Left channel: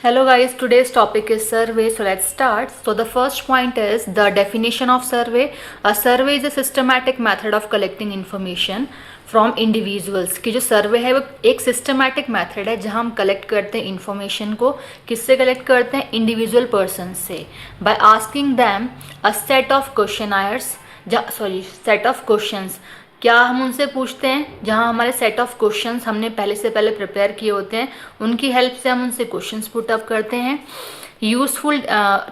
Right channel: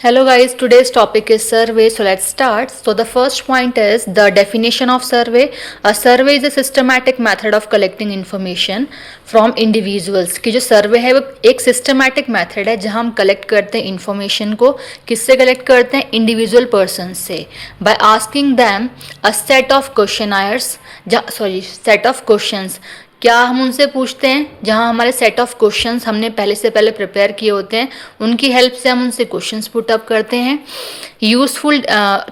Hello guys, today's topic is survey. So let's start. So the first point is the definition of survey. A survey is a systematic method of collecting information from individuals. कि जो सर्वे है वो एक systematic method है जहां हम collect करते हैं इंफॉर्मेशन को. किससे कलेक्ट करते हैं? इंडिविजुअल पर्सन से. By asking them a set of questionnaires, set of questions. क्या हम उनसे पूछते हैं? जहाँ हमारे सेट ऑफ क्वेश्चंस हमने पहले से पहले प्रिपेयर किए होते हैं, उनकी हेल्प से हम उनसे क्वेश्चंस पुट अप करते हैं. Useful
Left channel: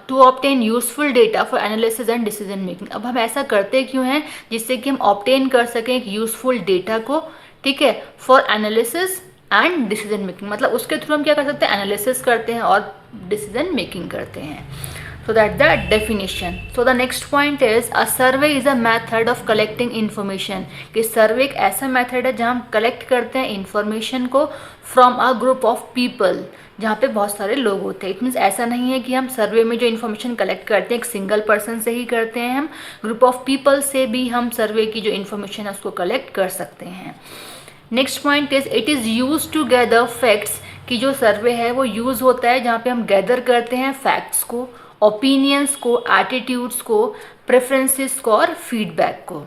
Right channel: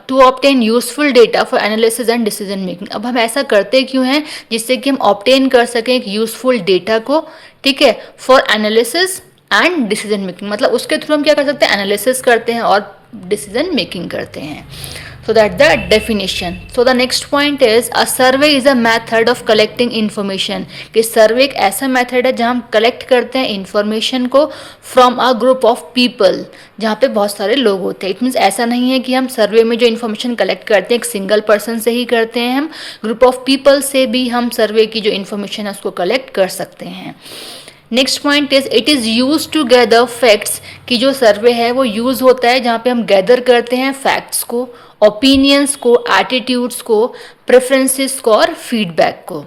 to obtain useful data for analysis and decision making. अब हम ऐसा करते क्यों हैं? जिससे कि हम ऑब्टेन कर सकें एक यूजफुल डेटा को, ठीक है, for analysis and decision making. मतलब उसके थ्रू हम क्या कर सकते हैं? एनालिसिस करते हैं और डिसीजन मेकिंग करते हैं. So that the definition. So the next point is a survey is a method of collecting information. कि सर्वे एक ऐसा मेथड है जहाँ हम कलेक्ट करते हैं इंफॉर्मेशन को from a group of people, जहाँ पे बहुत सारे लोग होते हैं. इट मीन्स ऐसा नहीं है कि हम सर्वे में जो इन्फॉर्मेशन कलेक्ट करते हैं एक सिंगल पर्सन से ही करते हैं. हम ग्रुप ऑफ पीपल से भी हम सर्वे की जो इन्फॉर्मेशन है उसको कलेक्ट कर सकते हैं. Next point is it is use to gather facts. कि जो सर्वे है वो यूज़ होता है जहाँ पे हम गैदर करते हैं फैक्ट्स को, ओपिनियंस को, एटीट्यूड्स को, प्रेफरेंसेस को और फीडबैक को.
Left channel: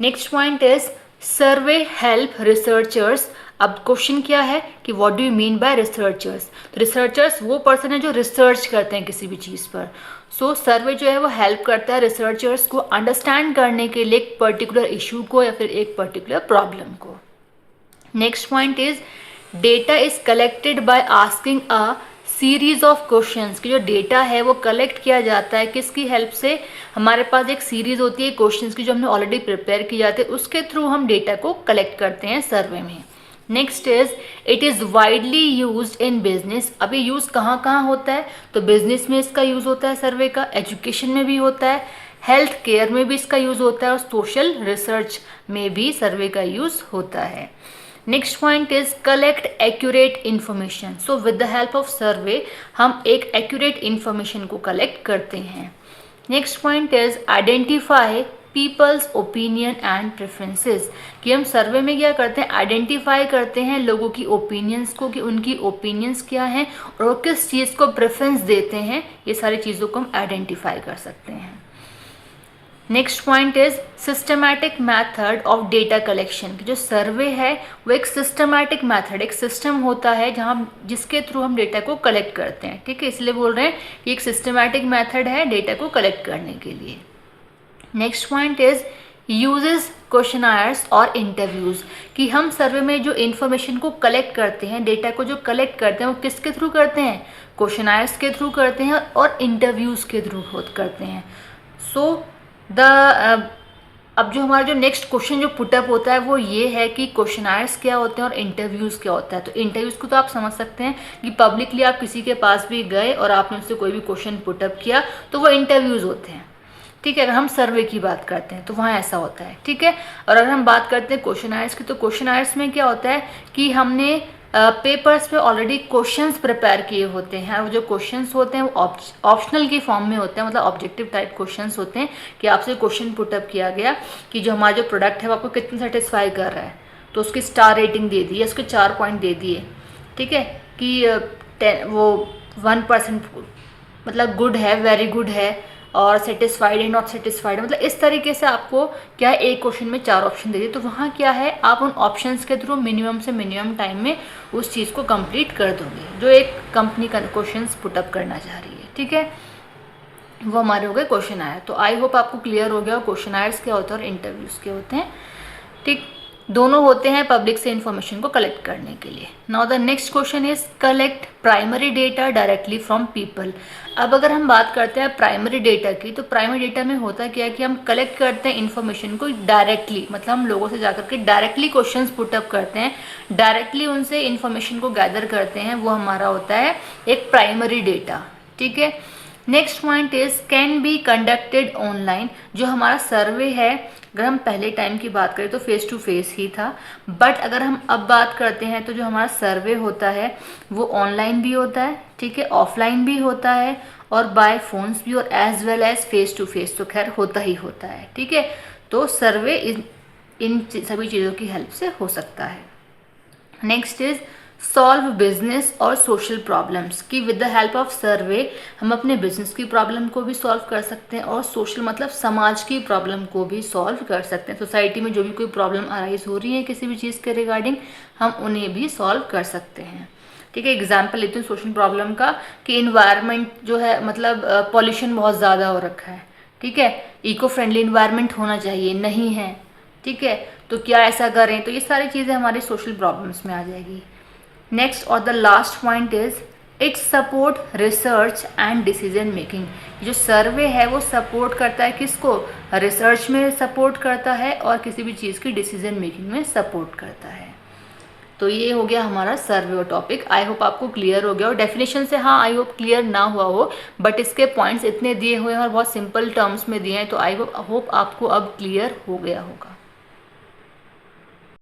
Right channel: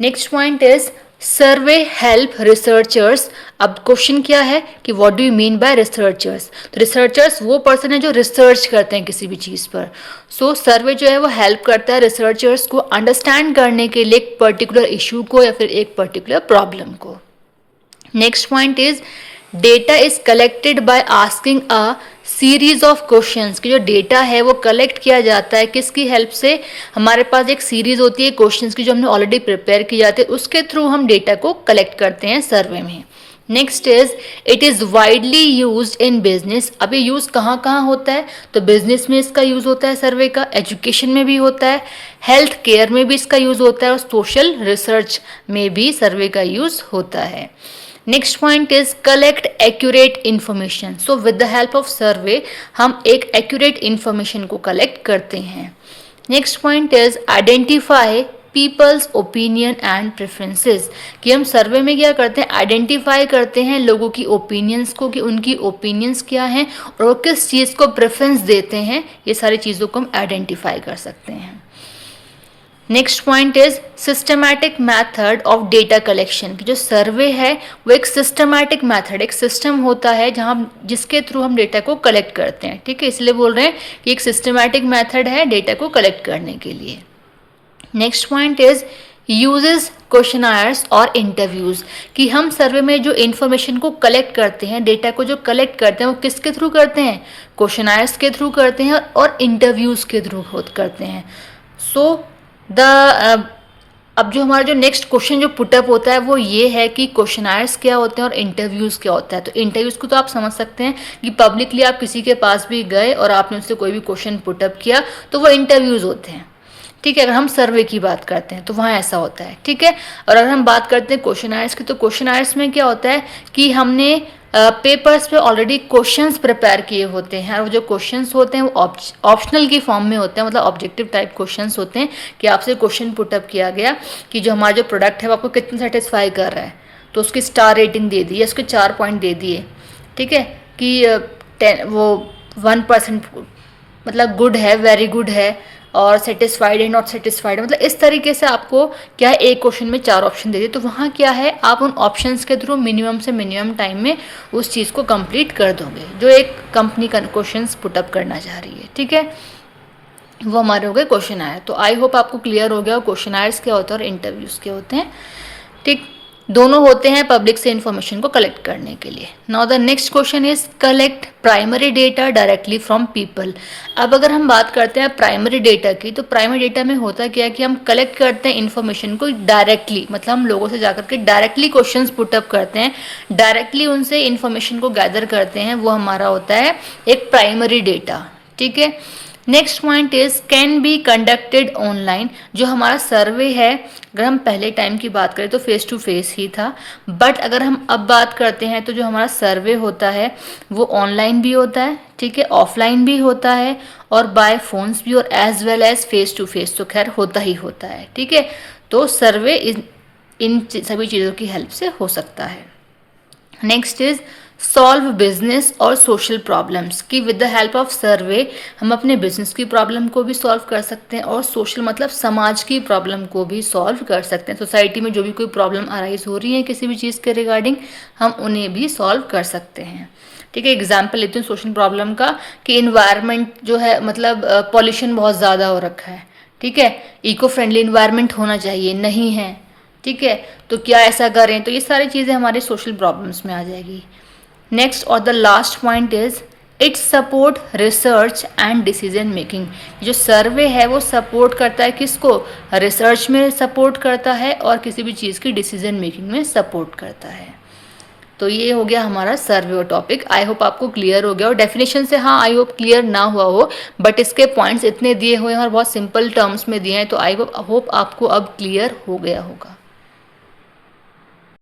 Next point is survey help researchers. अब क्वेश्चन क्या है कि what do you mean by researchers? तो रिसर्चर्स वो पर्सन है जो रिसर्च करते हैं किसी भी चीज़ पर. सो सर्वे जो है वो हेल्प करता है रिसर्चर्स को अंडरस्टैंड करने के लिए एक पर्टिकुलर इशू को या फिर एक पर्टिकुलर प्रॉब्लम को. Next point is data is collected by asking a series of questions. की जो डेटा है वो कलेक्ट किया जाता है किसकी हेल्प से? हमारे पास एक सीरीज होती है क्वेश्चंस की जो हमने ऑलरेडी प्रिपेयर की जाती है, उसके थ्रू हम डेटा को कलेक्ट करते हैं सर्वे में. Next is it is widely use in business. अब ये यूज़ कहाँ कहाँ होता है? तो बिजनेस में इसका यूज़ होता है सर्वे का, एजुकेशन में भी होता है, हेल्थ केयर में भी इसका यूज़ होता है और सोशल रिसर्च में भी सर्वे का यूज़ होता है. Next point is collect accurate information. So with the help of सर्वे हम एक एक्यूरेट इन्फॉर्मेशन को कलेक्ट करते हैं. Next point is identify peoples opinion and preferences. कि हम सर्वे में क्या करते हैं? आइडेंटिफाई करते हैं लोगों की ओपिनियंस को कि उनकी ओपिनियंस क्या हैं और वो किस चीज़ को प्रेफरेंस देते हैं. ये सारी चीज़ों को हम आइडेंटिफाई कर सकते हैं. Next point is systematic method of data collection. की जो सर्वे है वो एक सिस्टमैटिक मैथड, एक सिस्टम होता है जहाँ जिसके थ्रू हम डेटा को कलेक्ट करते हैं. ठीक है, इसलिए बोल रहे हैं कि एक सिस्टमैटिक मैथड है डेटा को कलेक्ट करने के लिए. नेक्स्ट पॉइंट इज यूजेस क्वेश्चनायर्स और इंटरव्यूज़. कि हम सर्वे में जो इन्फॉर्मेशन को कलेक्ट करते हैं, डेटा को जो कलेक्ट करते हैं वो किसके थ्रू करते हैं? क्वेश्चनायर्स के थ्रू करते हैं और इंटरव्यूज़ के थ्रू करते हैं. सो अब जो हमारा जो नेक्स्ट क्वेश्चन जो पुटअप होता है वो ये है कि क्वेश्चनायर्स क्या होते हैं और इंटरव्यूज़ क्या होता है. तो इंटरव्यूज़ को तो आप समझ सकते हैं कि पब्लिकली आप किसी के पास भी गए और आपने उससे कोई भी क्वेश्चन पुटअप किया तो वो इंटरव्यूज़ होते हैं. ठीक है, अगर हम सर्वे की बात करते हैं तो वहाँ ऐसा होता है. ठीक है, और अगर हम बात करते हैं क्वेश्चनायर्स की तो क्वेश्चनायर्स में क्या होता है कि हमने पेपर्स पे ऑलरेडी क्वेश्चंस प्रिपेयर किए होते हैं और जो क्वेश्चंस होते हैं वो ऑप्शनल की फॉर्म में होते हैं. मतलब ऑब्जेक्टिव टाइप क्वेश्चंस होते हैं कि आपसे क्वेश्चन पुटअप किया गया कि जो हमारा जो प्रोडक्ट है वो आपको कितना सेटिस्फाई कर रहा है, तो उसकी स्टार रेटिंग दे दी, उसके 4 पॉइंट दे दिए. ठीक है, कि वो 1% मतलब गुड है, वेरी गुड है और सेटिस्फाइड है, नॉट सेटिस्फाइड. मतलब इस तरीके से आपको क्या है, एक क्वेश्चन में 4 ऑप्शन दे दिए. तो वहाँ क्या है, आप उन ऑप्शंस के थ्रू मिनिमम से मिनिमम टाइम में उस चीज़ को कंप्लीट कर दोगे जो एक कंपनी का क्वेश्चंस पुटअप करना चाह रही है. ठीक है, वो हमारे हो गए क्वेश्चन आयर. तो आई होप आपको क्लियर हो गया क्वेश्चन आयर्स क्या होते हैं और इंटरव्यूज़ क्या होते हैं. ठीक, दोनों होते हैं पब्लिक से इन्फॉर्मेशन को कलेक्ट करने के लिए. Now the next question is collect primary data directly from people. अब अगर हम बात करते हैं प्राइमरी डेटा की तो प्राइमरी डेटा में होता क्या है कि हम कलेक्ट करते हैं इन्फॉर्मेशन को डायरेक्टली. मतलब हम लोगों से जाकर के डायरेक्टली क्वेश्चंस पुटअप करते हैं, डायरेक्टली उनसे इन्फॉर्मेशन को गैदर करते हैं, वो हमारा होता है एक प्राइमरी डेटा. ठीक है, next point is can be conducted online. जो हमारा सर्वे है, अगर हम पहले टाइम की बात करें तो फेस टू फेस ही था, बट अगर हम अब बात करते हैं तो जो हमारा सर्वे होता है वो ऑनलाइन भी होता है. ठीक है, ऑफलाइन भी होता है और बाय फोन्स भी और as well as face to face तो खैर होता ही होता है. ठीक है, तो सर्वे इन सभी चीज़ों की हेल्प से हो सकता है. नेक्स्ट इज सॉल्व बिजनेस और सोशल प्रॉब्लम्स, कि विद द हेल्प ऑफ सर्वे हम अपने बिजनेस की प्रॉब्लम को भी सॉल्व कर सकते हैं और सोशल मतलब समाज की प्रॉब्लम को भी सॉल्व कर सकते हैं। सोसाइटी में जो भी कोई प्रॉब्लम अराइज हो रही है किसी भी चीज़ के रिगार्डिंग, हम उन्हें भी सॉल्व कर सकते हैं। ठीक है, एग्जाम्पल लेती हूँ सोशल प्रॉब्लम का, कि इन्वायरमेंट जो है मतलब पॉल्यूशन बहुत ज़्यादा हो रखा है। ठीक है, इको फ्रेंडली इन्वायरमेंट होना चाहिए, नहीं है। ठीक है, तो क्या ऐसा करें, तो ये सारी चीज़ें हमारे सोशल प्रॉब्लम्स में आ जाएगी। नेक्स्ट और the last point is it support research and decision making. जो सर्वे है वो सपोर्ट करता है किसको, रिसर्च में सपोर्ट करता है और किसी भी चीज़ की डिसीजन मेकिंग में सपोर्ट करता है। तो ये हो गया हमारा सर्वे टॉपिक। आई होप आपको क्लियर हो गया, और डेफिनेशन से हाँ आई होप क्लियर ना हुआ हो, बट इसके पॉइंट्स इतने दिए हुए हैं और बहुत सिंपल टर्म्स में दिए हैं, तो आई होप आपको अब क्लियर हो गया होगा।